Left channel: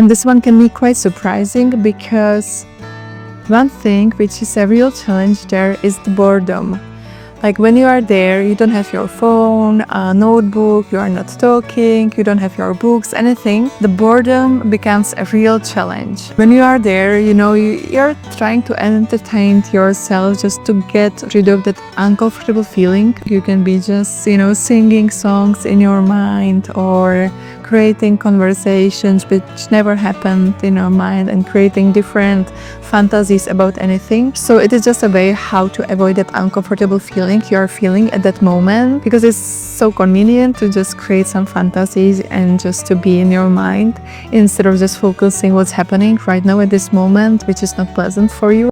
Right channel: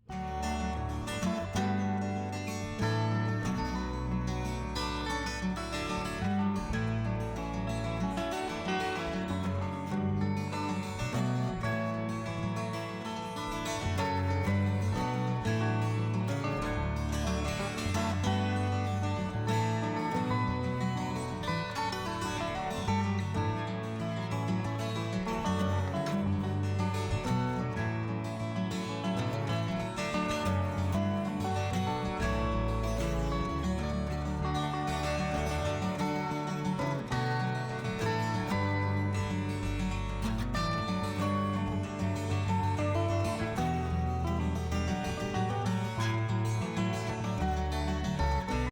And this one can be quite surprising because one thing which is a real challenge there is the boredom. Like when you are there, you don't have your phone, a notebook, you are not talking, you don't have your books, anything. The boredom becomes a real challenge. When you are there, you're trying to entertain yourself just to get rid of that uncomfortable feeling. You can be just, singing songs in your mind or creating conversations which never happened in your mind and creating different fantasies about anything. So it is just a way how to avoid that uncomfortable feeling you are feeling at that moment, because it's so convenient to just create some fantasies and just to be in your mind instead of just focusing what's happening right now at this moment, which is not pleasant for you.